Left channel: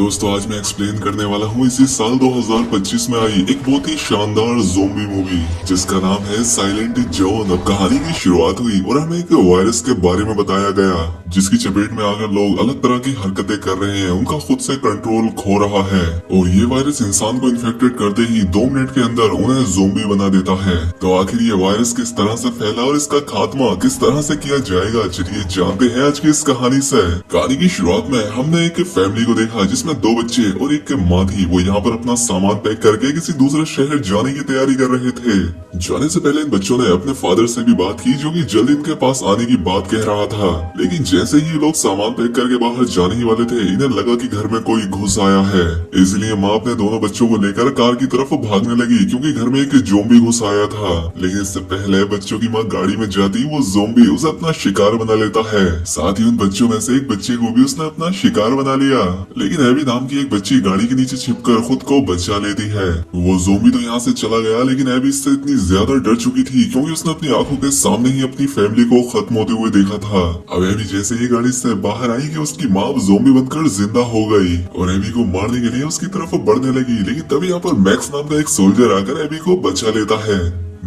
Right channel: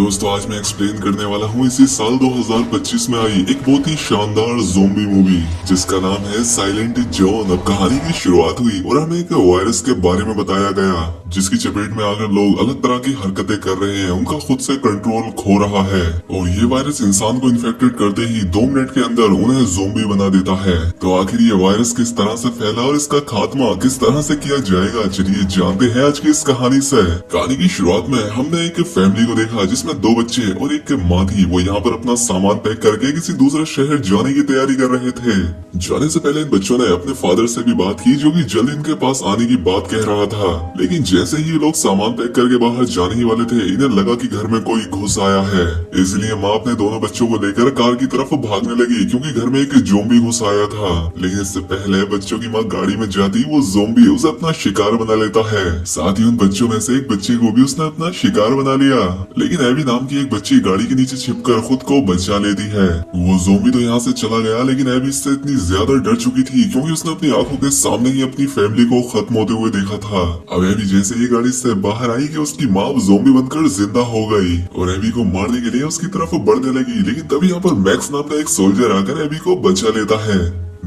दोस्तों आज मैं एक्सप्लेन करने वाला हूँ इसी साल 2025 में आई एक बहुत ही शानदार ज़ोंबी मूवी जिसका नाम है साइलेंट जोन। अब कहानी की शुरुआत हुई और हमें एक वायरस के बारे में बताया गया जिसकी चपेट में आकर लोग अलग तरह की हरकतें कर रहे हैं, उनका खुद से कंट्रोल खो रहा है और ये वायरस इंसान को इन्फेक्टेड करते ही 2 मिनट के अंदर उन्हें ज़ोंबी बना देता है। तो आखिर ये वायरस किस तरह से फैला और इसका खात्मा किस तरह से किया जाएगा, चलिए जानते हैं आज की इस कहानी से। कहानी की शुरुआत में हमने एक फैमिली को देखा जिसमें 2 बच्चे और एक माँ थी। वो यहाँ पर अपना सामान पैक करके किसी दूसरे शहर जाने की तैयारी कर रहे थे। जाने से पहले इन बच्चों ने अपने फादर से भी बात की जो कि जल्द इनके पास आने की बात कह रहा था, लेकिन जैसे ही लोग सामान पैक करके बाहर जाने ही वाले थे इन्हें लगा कि घर में कोई घुस आया है। इसलिए माँ अपने दोनों बच्चों को लेकर कार की तरफ भागने लगी क्योंकि घर में एक ज़ोंबी घुस आया था। लेकिन इससे पहले बच्चों की माँ गाड़ी में जाती वो ज़ोंबी उसे अपना शिकार बना लेता है। साथ ही उन बच्चों में से एक बच्चे को भी उसने अपना शिकार बना लिया, लेकिन एबी नाम की एक बच्ची गाड़ी के नीचे छिपकर खुद को बचा लेती है। वो ज़ोंबी तो यहाँ से चला गया, लेकिन एबी इससे इतनी ज्यादा डर चुकी थी क्योंकि उसने अपनी आंखों के सामने ही अपनी फैमिली को खत्म होते हुए देखा था। अब एबी जैसे ही गाड़ी से बाहर आई कि उसकी माँ ज़ोंबी बनकर जिंदा हो गई और एबी को मारने के लिए उसकी तरफ बढ़ने लगी, लेकिन तभी यहाँ पर मैक्स नाम का एक सोल्जर आकर एबी को बचा लेता है।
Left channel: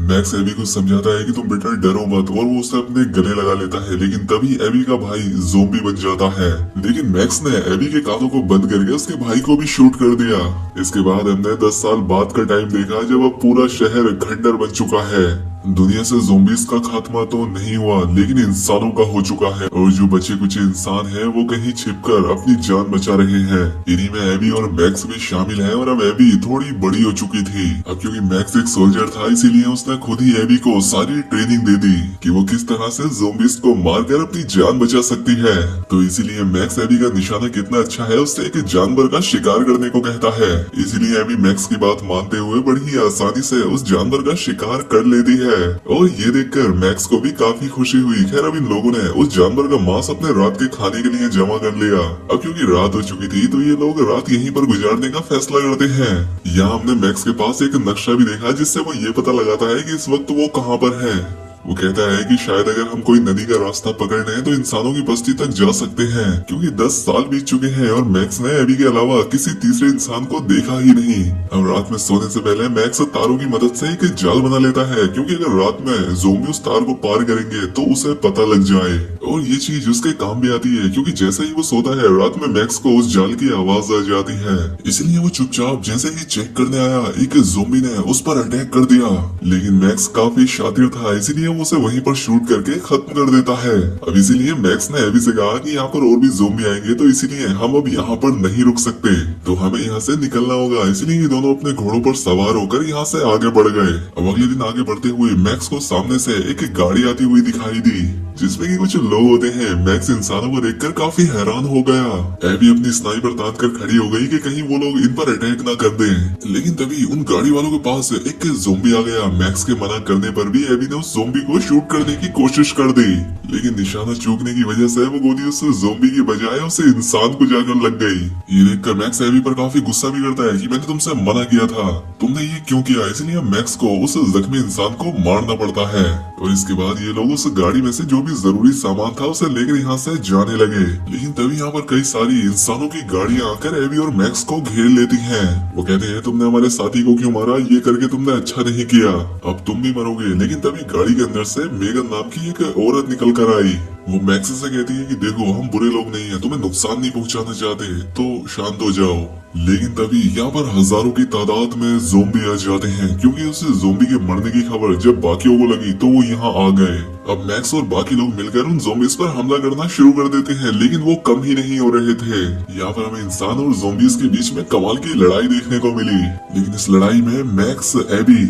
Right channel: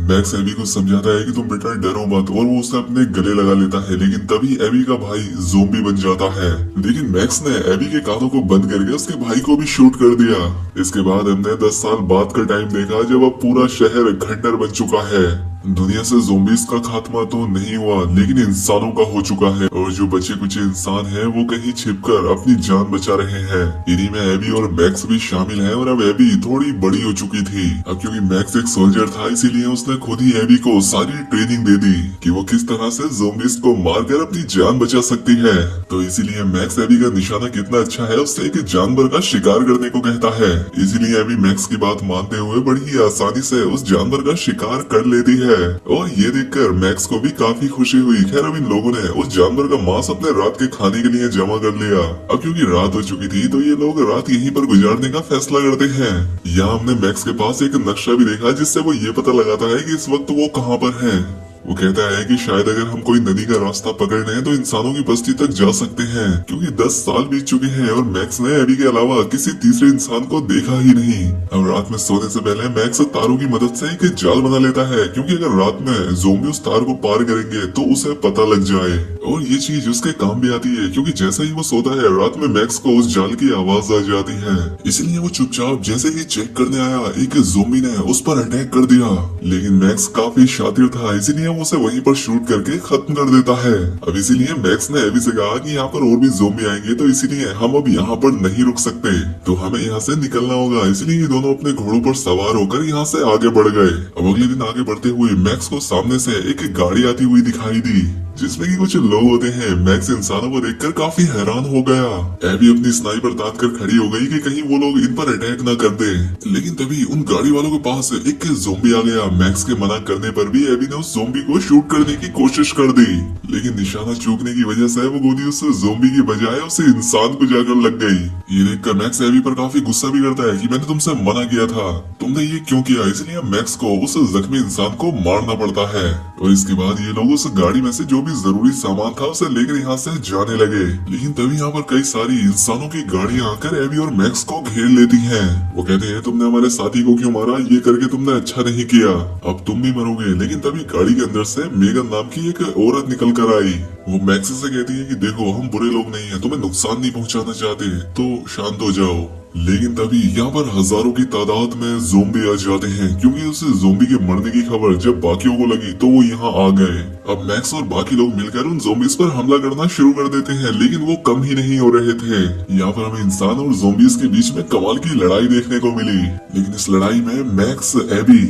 मैक्स एबी को समझाता है कि तुम बेटा डरो मत और वो उसे अपने गले लगा लेता है, लेकिन तभी एबी का भाई ज़ोंबी बन जाता है। लेकिन मैक्स ने एबी के कानों को बंद करके उसके भाई को भी शूट कर दिया। इसके बाद हमने 10 साल बाद का टाइम देखा जब अब पूरा शहर खंडर बन चुका है। दुनिया से ज़ोंबीज़ का खात्मा तो नहीं हुआ लेकिन इंसानों का हो चुका है और जो बचे कुछ इंसान हैं वो कहीं छिपकर अपनी जान बचा रहे हैं। इन्हीं में एबी और मैक्स भी शामिल हैं और अब एबी थोड़ी बड़ी हो चुकी थी। अब क्योंकि मैक्स एक सोल्जर था इसीलिए उसने खुद ही एबी को सारी ट्रेनिंग दे दी कि वो किस तरह से ज़ोंबीज़ को मारकर अपनी जान बचा सकती है। तो इसीलिए मैक्स एबी का निशाना कितना अच्छा है उससे एक जानवर का शिकार करने को कहता है। इसीलिए एबी मैक्स की बात मानते हुए बड़ी ही आसानी से उस जानवर का शिकार कर लेती है और ये देखकर मैक्स को भी काफी खुशी हुई। खैर अब इन लोगों ने उस जानवर का मांस अपने रात के खाने के लिए जमा कर लिया। अब क्योंकि रात हो चुकी थी तो ये लोग रात यहीं पर गुजारने का फैसला करते हैं। यहाँ हमने मैक्स के पास एक नक्शा भी देखा जिससे वो ये पता लगाता है कि इस वक्त वो कहाँ पर है। वो कहता है कि शायद अगर हम कोई नदी का रास्ता पकड़ लें तो इंसानों की बस्ती तक जा सकते हैं, क्योंकि 10 साल बीत चुके हैं और मैक्स ने एबी के अलावा किसी तीसरे इंसान को देखा ही नहीं। अब रात में सोने से पहले मैक्स तारों की मदद से एक जाल बना लेता है क्योंकि अगर रात में ज़ोंबी उस तार को पार करेंगे तो उसे पता लग जाए। और ये चीज उसके काम भी आती है क्योंकि जैसे ही वो सोता है रात में मैक्स को उस जाल की आवाज आ जाती है। इसलिए वो चुपचाप जैसे ही चेक करने आया एक ज़ोंबी ने उस पर अटैक कर दिया, लेकिन मैक्स काफी शातिर था इसलिए वो उसे वहीं पर शूट करके खत्म कर देता है। अब इसीलिए मैक्स ने एबी से कहा कि यहाँ पर और भी ज़ोंबी आएंगे तो इसीलिए हम अब यहाँ पर नहीं रुक सकते, तो हमें यहाँ से निकलना होगा। इसलिए ये दोनों अपने घोड़ों पर सवार होकर यहाँ से आगे बढ़ गए। अब अगले दिन आगे बढ़ते हुए मैक्स को सामने से एक गाड़ी आती हुई दिखाई दी जिसमें कि कुछ लोग होते हैं। मैक्स इंसानों को देखकर काफी हैरान हो गया। एबी अपनी स्नाइपर तान कर खड़ी हो गई कि कहीं वो लोग इन पर अटैक न कर दें, लेकिन तभी उन गाड़ी वालों के पास एक ज़ोंबी आ गया। मैक्स के मना करने पर भी एबी ने उस ज़ोंबी को शूट करने की कोशिश कर दी, लेकिन निशाना चूकने की वजह से वो गोली उस ज़ोंबी के बजाय उसे इंसान को जाकर लग गई। ये देखकर मैक्स एबी पर काफी गुस्सा भी करता है कि मैंने तुमसे मना किया था, तुमने ये क्यों किया। इसलिए मैक्स को उस जख्मी इंसान को मारना पड़ता है और इसके बाद ये लोग उस गाड़ी में से जो भी जरूरी सामान था उसे लेकर यहाँ से जाने लगे। लेकिन तभी यहाँ पर कई सारी इंसानों की गाड़ियां आकर एबी और मैक्स को घेर लेती हैं। वो कहते हैं तुमने हमारे साथी को क्यों मारा, ये करके तुमने अच्छा नहीं किया, अब तुम भी मरोगे। लेकिन तभी गाड़ी के अंदर से मेगन नाम की एक औरत निकल कर आई। वो मैक्स से कहती है कि देखो हम बुरे लोग नहीं है, तुम्हें नुकसान नहीं पहुँचाना चाहते, तो शांत हो जाओ। लेकिन तभी यहाँ पर हजारों की तादाद में ज़ोंबी आ जाते हैं क्योंकि उस ज़ोंबी के मरने की खबर जब बाकियों को लगी तो वो यहाँ आ गए। अब मैक्स और बाकी लोग मिलकर उन ज़ोंबीज़ पर हमला करना शुरू कर देते हैं, लेकिन वो कम ही नहीं हो रहे थे। यहाँ पर हमें इंसान और ज़ोंबीज़ के बीच में कमाल की लड़ाई देखने को मिली, लेकिन इस लड़ाई में मैक्स, एबी,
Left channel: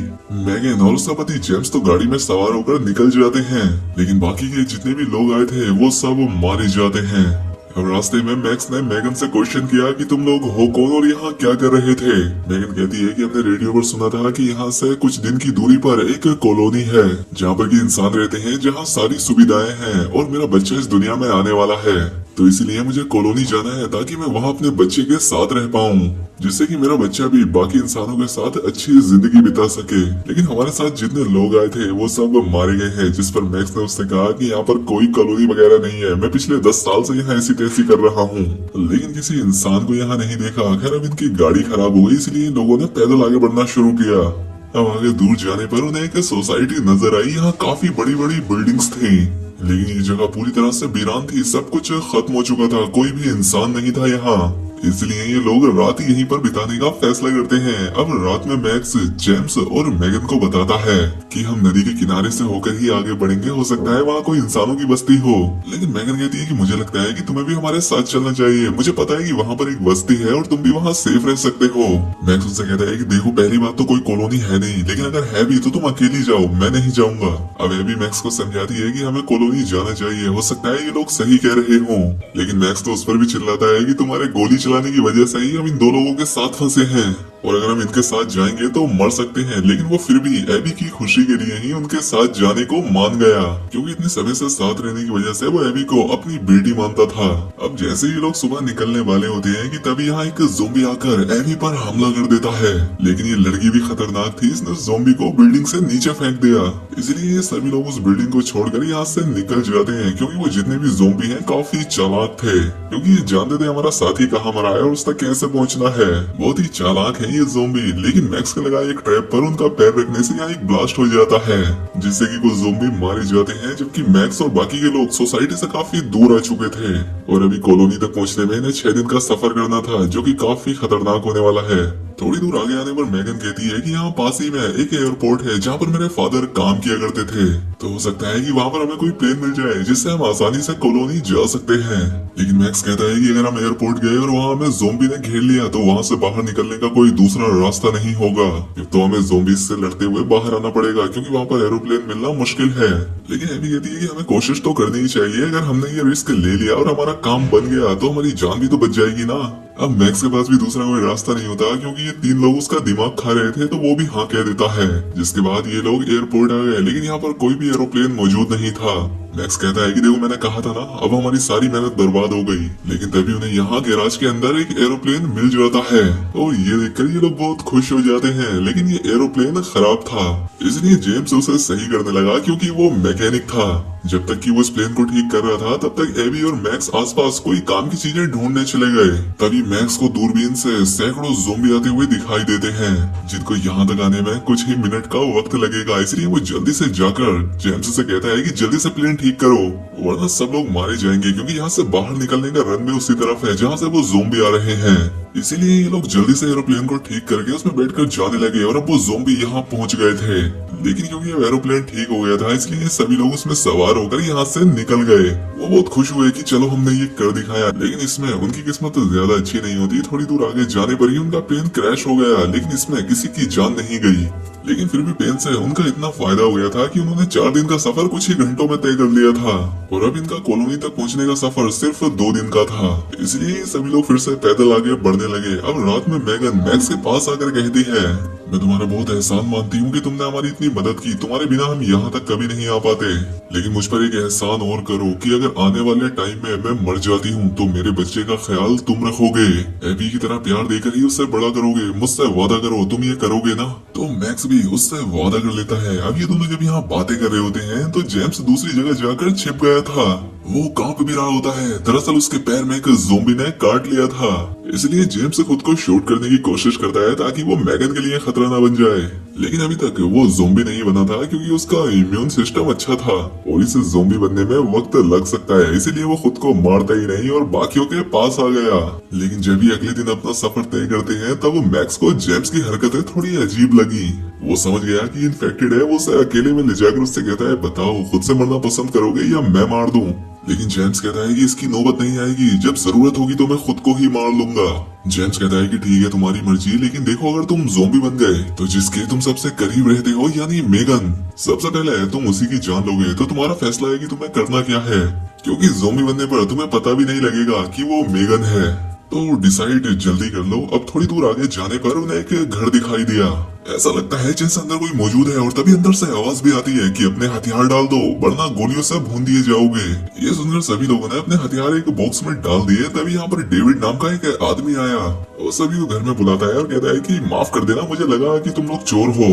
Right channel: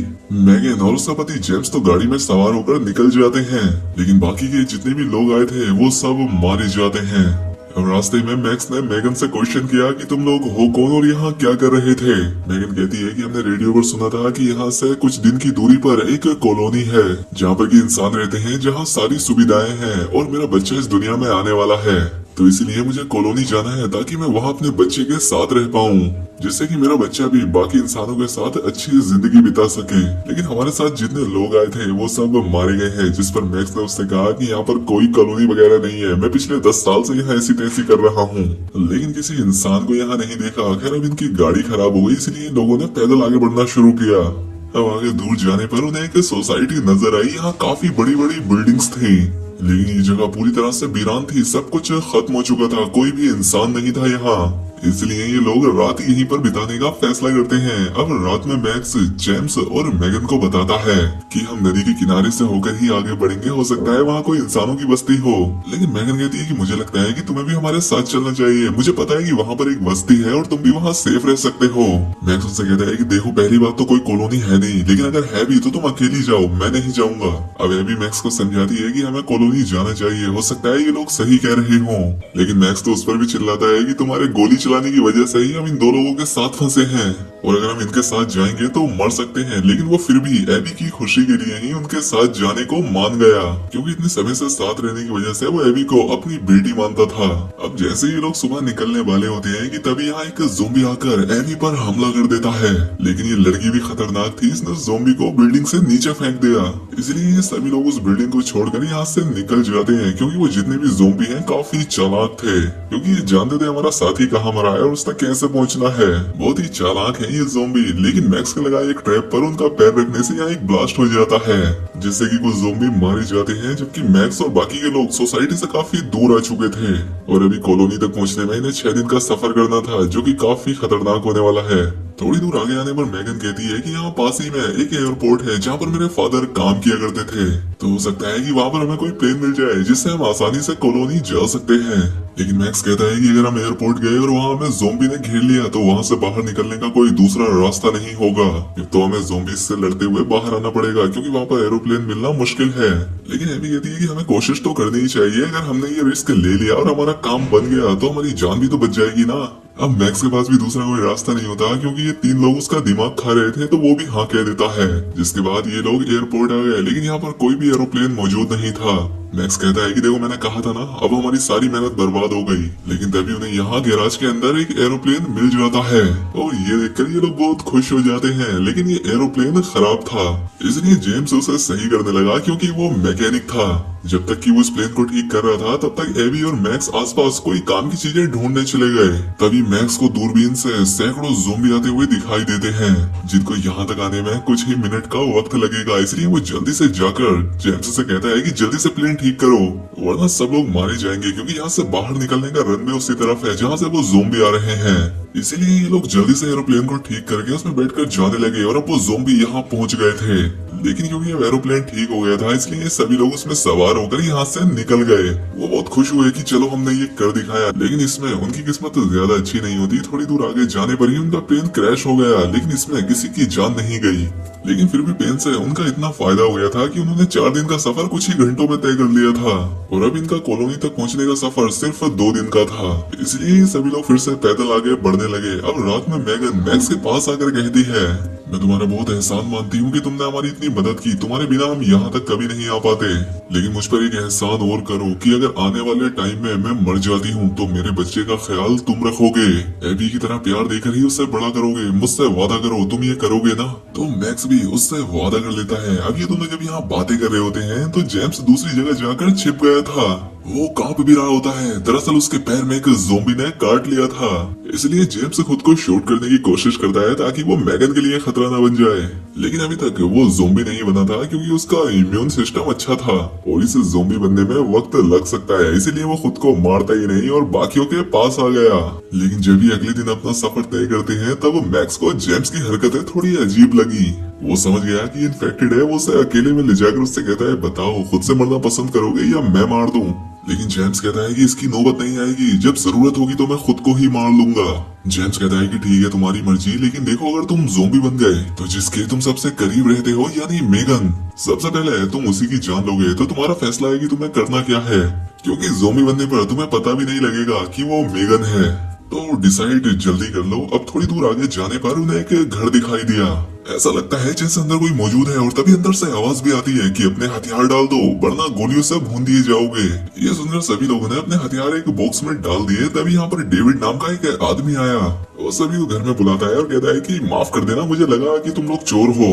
मैगन और उसका पति जेम्स तो गाड़ी में सवार होकर निकल जाते हैं, लेकिन बाकी के जितने भी लोग आए थे वो सब मारे जाते हैं। अब रास्ते में मैक्स ने मैगन से क्वेश्चन किया कि तुम लोग हो कौन और यहाँ क्या कर रहे थे। मैगन कहती है कि हमने रेडियो पर सुना था कि यहाँ से कुछ दिन की दूरी पर एक कॉलोनी है जहाँ पर कि इंसान रहते हैं, जहाँ सारी सुविधाएं हैं और मेरा बच्चा इस दुनिया में आने वाला है। तो इसीलिए मुझे कॉलोनी जाना है ताकि मैं वहाँ अपने बच्चे के साथ रह पाऊँ, जिससे कि मेरा बच्चा भी बाकी इंसानों के साथ अच्छी जिंदगी बिता सके। लेकिन हमारे साथ जितने लोग आए थे वो सब मारे गए हैं, जिस पर मैक्स ने उसने कहा कि यहाँ पर कोई कॉलोनी वगैरह नहीं है, मैं पिछले 10 साल से यहाँ ऐसी तैसी कर रहा हूँ, लेकिन किसी इंसान को यहाँ नहीं देखा। खैर अब इनकी गाड़ी खराब हो गई, इसलिए लोगों ने पैदल आगे बढ़ना शुरू किया। अब आगे दूर जाने पर उन्हें एक सोसाइटी नजर आई। यहाँ काफी बड़ी बड़ी बिल्डिंग्स थी, लेकिन ये जगह पूरी तरह से वीरान थी, सब कुछ खत्म हो चुका था, कोई भी इंसान नहीं था यहाँ। इसलिए ये लोग रात यहीं पर बिताने का फैसला करते हैं। अब रात में मैक्स जेम्स और मेगन को बताता है कि हम नदी के किनारे से होकर ही आगे बढ़ेंगे, हो सकता है वहाँ कोई इंसानों की बस्ती हो। लेकिन मेगन कहती है कि मुझे लगता है कि तुम्हें भी हमारे साथ चलना चाहिए, मुझे पता है कि वहाँ पर एक बस्ती है और तुम भी वहाँ सेफ रह सकते हो। मैक्स उनसे कहता है कि देखो पहली बात तो कोई कॉलोनी है नहीं, लेकिन अगर है भी तो तुम अकेली जाओ, मैं नहीं जाऊंगा। अब एबी मैक्स को समझाती है कि हमें कॉलोनी जाना चाहिए, हो सकता है ये लोग सही कह रहे हो। लेकिन मैक्स तो उस पर भी चिल्लाता है कि तुम्हारे गोली चलाने की वजह से ही हम इन दो लोगों के साथ फंसे हैं, और अगर हम इनके साथ जाएंगे तो मर सकते हैं। लेकिन वो फिर भी एबी की खुशी के लिए ही उनके साथ जाने को मान गया, क्योंकि इतने समय से साथ रहने की वजह से वो एबी को अपनी बेटी मानता था। अब जैसे ये लोग सुबह निकलने वाले होते हैं कि तभी यहाँ एक ज़ोंबी आकर एबी पर हमला कर देता है। लेकिन ये लड़की भी खतरनाक थी, इसने ज़ोंबी को बिल्डिंग से नीचे फेंक दिया। इसलिए ये सभी लोग उस बिल्डिंग को छोड़कर यहाँ से निकल जाते हैं, क्योंकि वो जितने भी ज़ोंबी हैं काफी चालाक थे, क्योंकि ये जानते थे हमारा साथी कहाँ मरा है और उस तक कैसे पहुँचना है। बहुत ही चालाक है ये ज़ोंबी। लेकिन मैक्स के लगाए एक ट्रैप पर उनका पैर रखने से यहाँ एक ब्लास्ट हो जाता है, जिससे कि कुछ ज़ोंबी मारे जाते हैं, जबकि मैक्स और बाकी के लोग सोसाइटी से काफी दूर आ चुके थे और अभी कॉलोनी तक पहुँचने में इन्हें 6 दिन का सफर करना था, जो कि काफी खतरनाक होने वाला है। थोड़ी दूर आगे आने पर मेगन कहती है कि यहाँ पास ही में एक एयरपोर्ट है जहाँ पर मेरे फादर काम किया करते थे, तो हो सकता है कि वहाँ पर हमें कोई प्लेन मिल जाए जिससे हम आसानी से कॉलोनी जा सकते हैं। लेकिन मैक्स कहता है कि अगर हम एयरपोर्ट गए और वहाँ हमें ज़ोंबी ने घेर लिया तो वहाँ से बाहर निकलने का कोई दूसरा रास्ता नहीं होगा, फिर तो हमें ज़ोंबी से लड़ते हुए बाहर आना पड़ेगा, क्योंकि वहाँ पर एरोप्लेन मिलना मुश्किल है। लेकिन एबी कहती है कि हमें कोशिश तो करनी ही चाहिए, अगर हमने ये रिस्क ले लिया और हमारा काम बन गया तो हमारी जान भी तो बच जाएगी ना। अब मैक्स के पास भी दूसरा कोई रास्ता नहीं होता, क्योंकि ये 3 लोग उसका दिमाग खा रहे थे, तो वो भी हाँ कह देता है। जिसके बाद ये लोग एयरपोर्ट आ गए, लेकिन यहाँ पर कोई भी एरोप्लेन मौजूद नहीं था। मैक्स कहता है कि देखो मैंने कहा था ना, अब हमारी सारी मेहनत बर्बाद हो गई। लेकिन तभी उन्हें यहाँ गैराज के अंदर एक एरोप्लेन मिल जाता है और ये देखकर ये लोग बहुत खुश हो जाते हैं। लेकिन ये एरोप्लेन खराब था, इसलिए जेम्स उसे सही करने लगा, क्योंकि वो मैकेनिक था। जब तक कि वो इस प्लेन को ठीक कर रहा था तब तक एबी और मैक्स आसपास कोई काम की चीजें ढूंढने चले गए। तभी मैक्स को दूरबीन से सैकड़ों ज़ोंबी आते हुए दिखाई देते हैं, जिनको यहाँ तक आने में कुछ ही मिनट का वक्त लगेगा। इसलिए वो जल्दी से जाकर जेम्स से कहता है कि जल्दी से प्लेन ठीक करो, वरना सब लोग मारे जाएंगे, क्योंकि यहाँ से बाहर निकलने का रन भी उसी तरफ है जहाँ से वो ज़ोंबी आ रहे हैं। इसीलिए ये लोग जल्दी से एरोप्लेन को ठीक करके उसमें बैठकर जाने लगे और अब वो ज़ोंबी यहाँ पहुँच गए थे। लेकिन क्योंकि एरोप्लेन ठीक हो गया था, इसलिए सभी लोग उसमें सवार होकर यहाँ से निकल गए। वो बहुत खुश हुए कि चलो हमने ये कर दिखाया। लेकिन इसमें उनकी किस्मत ज्यादा अच्छी नहीं होती, थोड़ी दूर आगे जाने पर ही उनका प्लेन क्रैश हो गया। लेकिन इसमें किसी की जान नहीं गई, लेकिन फिर भी प्लेन से उनका इतना फायदा हो गया था कि उन्होंने 4 दिन का सफर कुछ ही घंटों में तय कर लिया था, और अब इनका कॉलोनी तक पहुँचने का सफर सिर्फ 2 दिन का था। इसलिए सभी लोग फिर से पैदल आगे बढ़ने लगे। अब रात में मेगन मैक्स के पास आकर कहती है, मैं तुम्हारा बहुत एहसान मानती हूँ कि तुमने हमारी इतनी मदद की, तुम्हारे बिना हम यहाँ तक कभी नहीं आ पाते। लेकिन मुझ पर एक एहसान और करो कि अगर आने वाले टाइम में मैं मर जाती हूँ तो मेरे बच्चे का ख्याल तुम रखोगे, एबी की तरह प्यार देकर ही उससे बड़ा करोगे। मुझसे वादा करो, तुम ये करोगे ना? तो मैक्स भी उससे वादा कर लेता है। अब ये दोनों जब यहाँ बातें कर रहे होते हैं तो जेम्स दूसरी जगह जाकर छिप गया था। वो कांप भी रहा होता है, दरअसल उसके पैर में एक ज़ोंबी ने काट लिया था। इसलिए जेम्स खुद को शूट करने की कोशिश करता है ताकि वो मैगन के लिए खतरा न बन जाए। लेकिन अभी तक वो ज़ोंबी नहीं बना था, क्योंकि उसका इम्यून सिस्टम अच्छा था और इसे ज़ोंबी बनने में वक्त लग सकता है। इसलिए वो खुद को मारता ही नहीं और बाकियों के पास आ गया। लेकिन जब भी अगले दिन अपना सफर तय करते हैं तब मैक्स को जेम्स की हरकतें थोड़ी अजीब लगी। वो समझ गया कि इन्फेक्टेड है। वो उसे अकेले में ले जाकर उससे कहता है, बताओ खुद से मरना पसंद करोगे या मैं मार दूं? लेकिन जेम्स कहता है कि इसकी नौबत नहीं आएगी, जब जरूरत होगी तो मैं खुद को ही मार लूंगा। जेम्स कहता है कि ठीक है तुम्हारी मर्जी, लेकिन देखो अगर तुम ज़ोंबी बन गए तो जिसके तुम सबसे करीब रहते हो यानी मेगन, सबसे पहले तुम उसी की जान लोगे। तो तुम्हारा फैसला है कि तुम्हें करना क्या है, क्योंकि ज़ोंबी बनने पर तुम्हें पता भी नहीं लगेगा कि वो मेगन है। तो डिसाइड जल्दी कर लो। अब थोड़ी दूर आगे जाने पर उन्हें एक घर दिखाई दिया ऐसा लगता है जैसे अंदर कोई मौजूद है और तभी अंदर से आवाज भी आती है कि अपने हथियार डाल दो वरना गोलियों से भून दिए जाओगे। ये सुनकर सभी लोगों ने अपने हथियार एक बॉक्स में डाल दिए। तभी यहाँ पर डेविड नाम का एक आदमी आया। वो सभी को घर में बुलाता है और कहता है कि माफ कर देना, मुझे लगा कि तुम लोग चोर हो,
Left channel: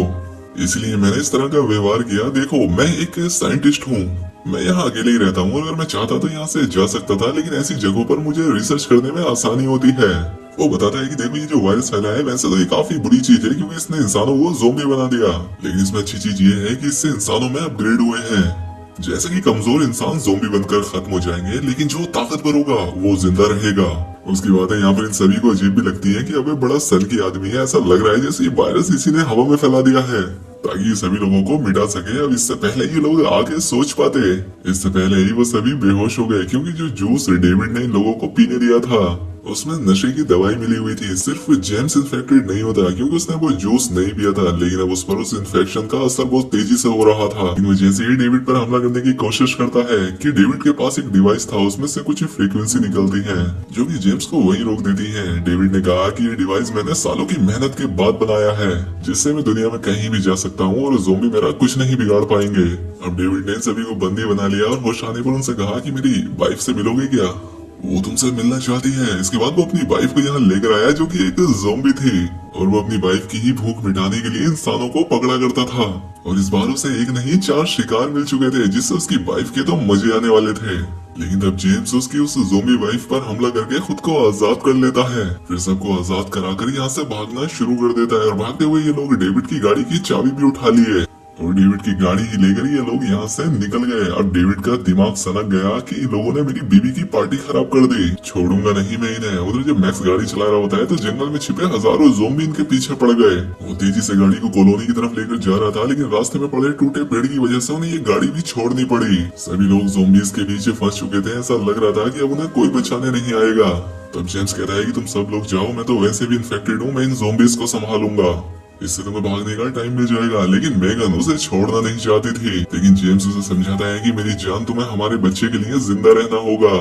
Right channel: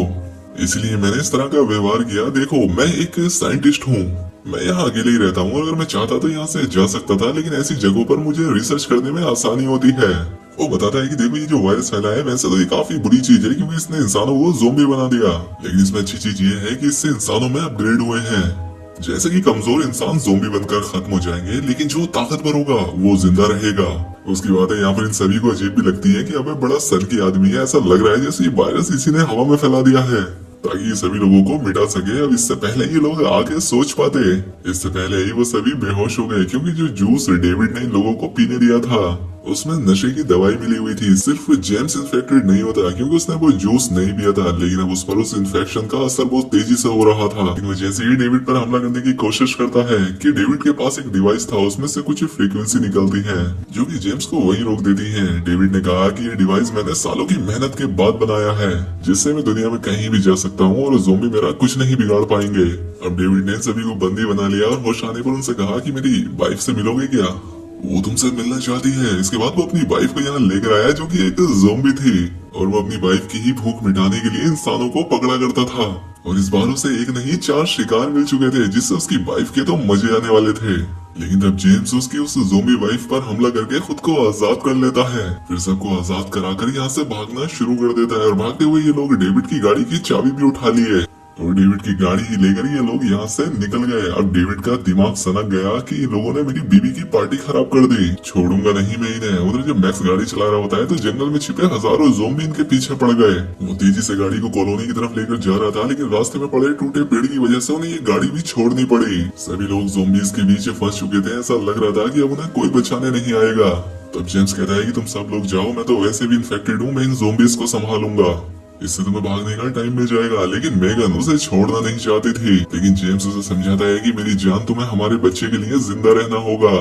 इसलिए मैंने इस तरह का व्यवहार किया। देखो मैं एक साइंटिस्ट हूँ, मैं यहाँ अकेले ही रहता हूँ। अगर मैं चाहता तो यहाँ से जा सकता था, लेकिन ऐसी जगहों पर मुझे रिसर्च करने में आसानी होती है। वो बताता है कि देखो ये जो वायरस फैला है वैसे तो ये काफी बुरी चीज है क्योंकि इसने इंसानों को ज़ोंबी बना दिया, लेकिन इसमें अच्छी चीज ये है कि इससे इंसानों में अपग्रेड हुए हैं। जैसे कि कमजोर इंसान ज़ोंबी बनकर खत्म हो जाएंगे, लेकिन जो ताकतवर होगा वो जिंदा रहेगा। उसकी बातें यहाँ पर इन सभी को अजीब भी लगती है कि अबे बड़ा सल की आदमी है, ऐसा लग रहा है जैसे ये वायरस इसी ने हवा में फैला दिया है ताकि ये सभी लोगों को मिटा सके। अब इससे पहले ये लोग आगे सोच पाते, इससे पहले ही वो सभी बेहोश हो गए क्योंकि जो जूस डेविड ने इन लोगों को पीने दिया था उसमें नशे की दवाई मिली हुई थी। सिर्फ जेम्स इन्फेक्टेड नहीं होता क्योंकि उसने वो जूस नहीं पिया था, लेकिन अब उस पर उस इन्फेक्शन का असर बहुत तेजी से हो रहा था। इन वजह से ये डेविड पर हमला करने की कोशिश करता है कि डेविड के पास एक डिवाइस था, उसमें से कुछ फ्रीक्वेंसी निकलती है जो कि जेम्स को वहीं रोक देती है। डेविड ने कहा कि ये डिवाइस मैंने सालों की मेहनत के बाद बनाया है, जिससे मैं दुनिया में कहीं भी जा सकता हूँ और ज़ोंबी मेरा कुछ नहीं बिगाड़ पाएंगे। अब डेविड ने सभी को बंदी बना लिया और होश आने पर उनसे कहा कि मेरी वाइफ से मिलोगे क्या? वो तुमसे मिलना चाहती है। इसके बाद वो अपनी वाइफ को यहाँ लेकर आया जो कि एक ज़ोंबी थी और वो अपनी वाइफ की ही भूख मिटाने के लिए इंसानों को पकड़ा करता था। और इस बार उसे एक नहीं 4 शिकार मिल चुके थे जिससे उसकी वाइफ के तो मजे आने वाले थे। लेकिन तब जेम्स उसकी उस ज़ोंबी वाइफ पर हमला करके खुद को आजाद कर लेता है, फिर सबको आजाद कराकर यहाँ से भागना शुरू कर देता है। और भागते हुए ये लोग डेविड की गाड़ी की चाबी भी उठा लिए और डेविड की गाड़ी ही लेकर ये लोग यहाँ से निकल गए। अब डेविड का दिमाग सनक गया कि इन लोगों ने मेरी बीवी की पार्टी खराब कर दी, छोड़ूंगा नहीं मैं इन्हें। उधर जब मैक्स गाड़ी चला रहा होता है तो जंगल में छिपे हजारों ज़ोंबी इनके पीछे पड़ गए। वो तेजी से गाड़ी को कॉलोनी की तरफ लेकर जा रहा था, लेकिन रास्ते में पड़े टूटे पेड़ की वजह से उन्हें ये गाड़ी भी छोड़नी पड़ी। सभी लोग ज़ोंबीज के बीच फंस चुके थे, ऐसा लग रहा था कि अब उन्हें कोई बचाने नहीं आएगा। तब जेम्स कहता है कि तुम सब लोग जाओ, मैं तो वैसे भी इन्फेक्टेड हूँ, मैं इन ज़ोंबीज को संभालूंगा, इससे तुम्हें भागने का टाइम मिल जाएगा। लेकिन मेगन उसे छोड़ना नहीं चाहती थी, लेकिन जेम्स उसे समझाता है कि मेरी जान तुम्हें हमारे बच्चे के लिए जिंदा रहना होगा,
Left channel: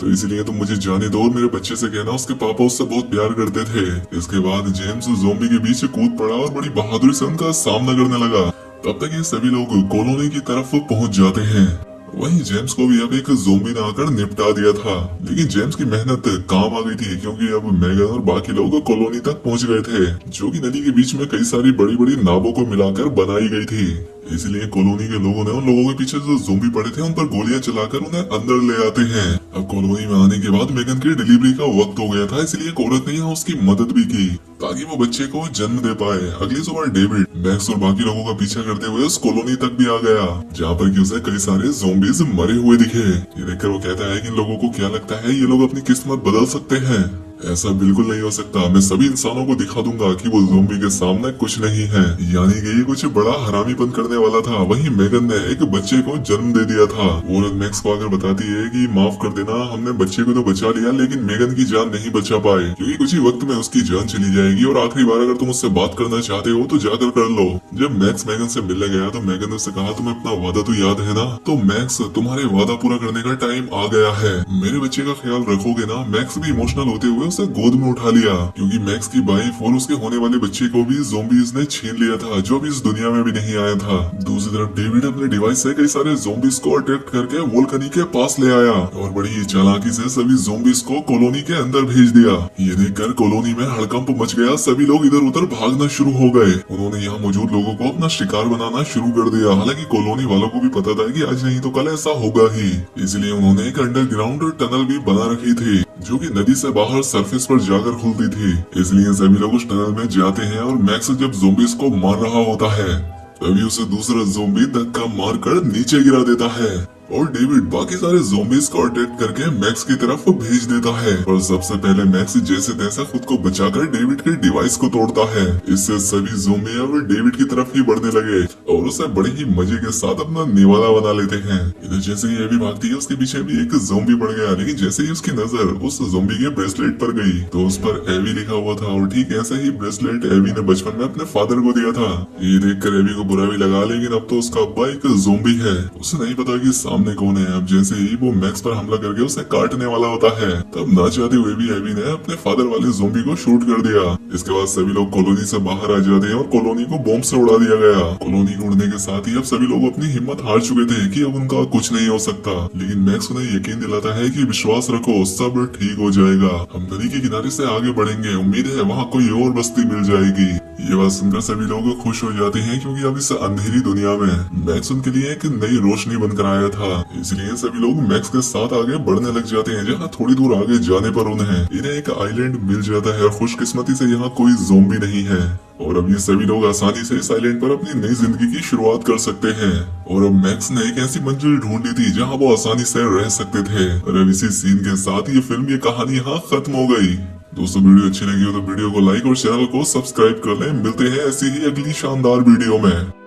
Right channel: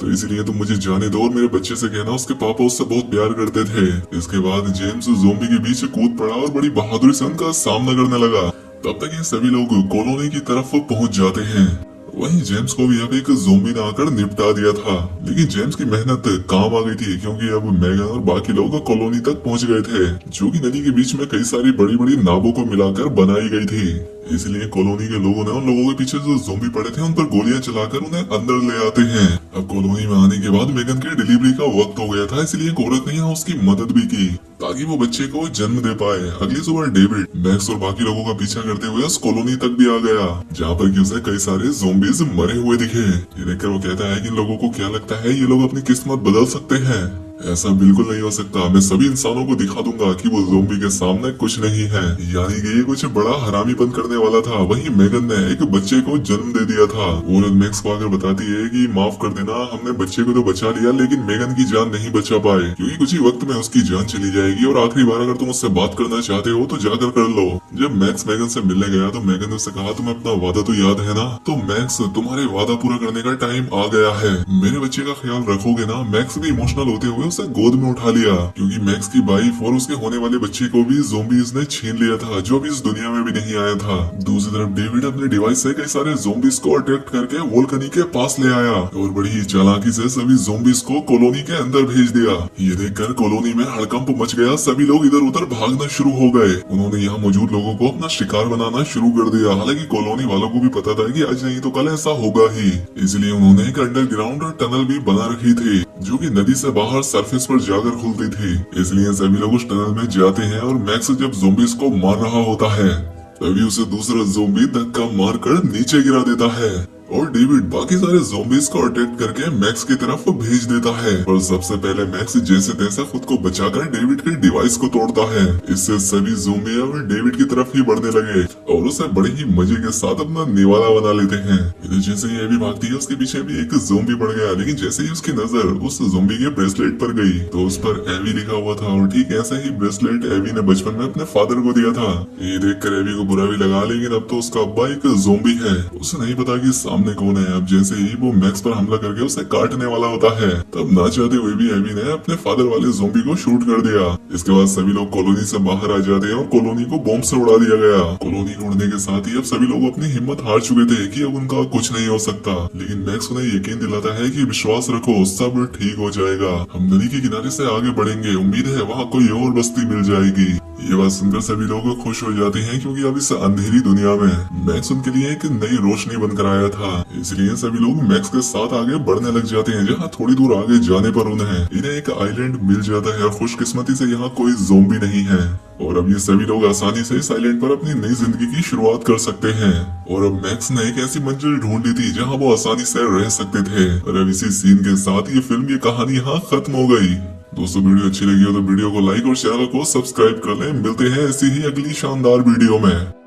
तो इसलिए तुम मुझे जाने दो और मेरे बच्चे से कहना उसके पापा उससे बहुत प्यार करते थे। इसके बाद जेम्स ज़ोंबी के बीच कूद पड़ा और बड़ी बहादुरी से उनका सामना करने लगा। तब तक ये सभी लोग कॉलोनी की तरफ पहुंच जाते हैं। वहीं जेम्स को भी अब एक ज़ोंबी ने आकर निपटा दिया था, लेकिन जेम्स की मेहनत काम आ गई थी क्योंकि अब मेगन और बाकी लोग कॉलोनी तक पहुंच गए थे जो कि नदी के बीच में कई सारी बड़ी बड़ी नावों को मिलाकर बनाई गई थी। इसलिए कॉलोनी के लोगों ने उन लोगों के पीछे जो ज़ोंबी पड़े थे उन पर गोलियां चलाकर उन्हें अंदर ले आते हैं। अब कॉलोनी में आने के बाद मेगन की डिलीवरी का वक्त हो गया था, इसलिए एक औरत ने यहाँ उसकी मदद भी की ताकि वो बच्चे को जन्म दे पाए। अगली सुबह डेविड मैक्स और बाकी लोगों का पीछा करते हुए उस कॉलोनी तक भी आ गया जहाँ पर कि उसे कई सारे ज़ोंबीज मरे हुए दिखे। ये देखकर वो कहता है कि इन लोगों को क्या लगता है ये लोग अपनी किस्मत बदल सकते हैं? ऐसा बिल्कुल नहीं हो सकता। मैं सभी इंसानों को दिखा दूंगा कि वो ज़ोंबी के सामने कुछ नहीं है। यानी कि ये कुछ बड़ा हरामीपन करने वाला था। वहीं मेगन ने एक बच्चे को जन्म दे दिया था। औरत मैक्स को आकर बताती है कि माफ कर देना, हमने बच्चे को तो बचा लिया लेकिन मेगन की जान नहीं बचा पाए क्योंकि कुछ ही वक्त में उसकी जान चली जाएगी और आखिरी बार अगर तुम उससे बात करना चाहते हो तो जाकर कर लो। जब मैक्स मेगन से मिलने गया तो मेगन ने उससे कहा तुम्हें अपना वादा तो याद है ना? तो मैक्स तुम्हारे वादा पूरा करने का टाइम आ गया है, मेरे बच्चे का ख्याल रखोगे ना? मैक्स भी इमोशनल होते हुए उसे गोद में उठा लिया क्योंकि मैक्स की वाइफ और उसके होने वाले बच्चे को भी ज़ोंबीज ने छीन लिया था जो अभी इस दुनिया में भी नहीं आया था। दूसरी तरफ डेविड अपने डिवाइस से कई सारे ज़ोंबीज को अटैक करके वोल्कनी के पास ले आया और बड़ी ही चालाकी से सभी ज़ोंबीज को कॉलोनी के अंदर भेज दिया। ये देखकर कॉलोनी में हड़कंप मच गया, सभी लोग इधर उधर भागना शुरू हो गए। उन्होंने यहाँ मौजूद लोगों को अपना शिकार बनाना शुरू कर दिया। हालांकि कॉलोनी वालों को भी पता था कि आज नहीं तो कल ऐसा होगा ही, इसलिए उन्होंने एक अंडरग्राउंड टनल भी बना रखी थी जो कि नदी से बाहर सरफेस पर जाकर खुलती थी। इसलिए सभी लोग उस टनल में जाते हैं और मैक्स जब ज़ोंबीज को मार रहा होता है तभी उसे दूसरा ज़ोंबी धक्का मारकर नीचे गिरा देता है और डेविड बाकी सारे ज़ोंबीज को अटैक करके मैक्स की तरफ भेज देता है। और सबसे पहले मैक्स जैसे तैसे खुद को बचाकर डेविड के डिवाइस को तोड़ता है। इससे सभी ज़ोंबी अब डेविड की तरफ ही बढ़ने लगे और उसे बड़े ही मजे के साथ अपना निवाला बना लेते हैं। इधर जैसे ही एवी भागती है उसके पीछे भी एक ज़ोंबी पड़ गया, लेकिन जैसे ही उसकी नजर उस ज़ोंबी के ब्रेसलेट पर गई तो उस पर एवी लिखा हुआ था और ठीक ऐसा ही ब्रेसलेट एवी ने बचपन में अपने फादर को दिया था। ये देखकर एवी को बुरा भी लगा, लेकिन अब तो उसका अब्बा एक ज़ोंबी है। उसे नहीं पता कि सामने सामने कौन है। अब जैसे ही वो मैक्स पर हमला करके उसे काटने वाला होता है, तब ना चाहते हुए भी एबी ने अपने फादर वाले ज़ोंबी को शूट कर दिया। इसके बाद सभी लोग कॉलोनी से बाहर आ जाते हैं और कॉलोनी को बॉम्ब से उड़ा दिया गया। कॉलोनी को उड़ने के साथ ही अब सभी लोग अपनी हिम्मत हार चुके थे कि अब उनका कुछ नहीं हो सकता, लेकिन मैक्स उन्हें यकीन दिलाता है कि विश्वास रखो, सब ठीक हो जाएगा। हम नदी के किनारे से आगे बढ़ेंगे, उम्मीद है वहाँ कोई और बस्ती मिल जाएगी। ये बात सुनकर सभी लोग खुश हो जाते हैं, क्योंकि अब इस अंधेरी दुनिया में मैक्स उनके लिए एक नई रोशनी बनकर आया था। इसलिए सभी लोग मैक्स के साथ आगे बढ़ने लग जाते हैं, जहाँ थोड़ी दूर आगे जाने पर इन्हें एक आइलैंड मिल जाता है और खुशकिस्मती से यहाँ कोई ज़ोंबी नहीं है। और अब ये सभी लोग आसानी से इस आइलैंड पर अपनी नई जिंदगी की शुरुआत कर सकते हैं। और अब मैक्स ने एक ऐसी मंजिल ढूंढी थी जहाँ वो आसानी से रह सकते थे। और अब इसी सीन के साथ ये फिल्म, ये कहानी यहाँ खत्म हो गई। दोस्तों वीडियो अच्छी लगी हो तो वीडियो को लाइक और चैनल को सब्सक्राइब कर लें। मिलते हैं ऐसी ही अगली शानदार वीडियो में।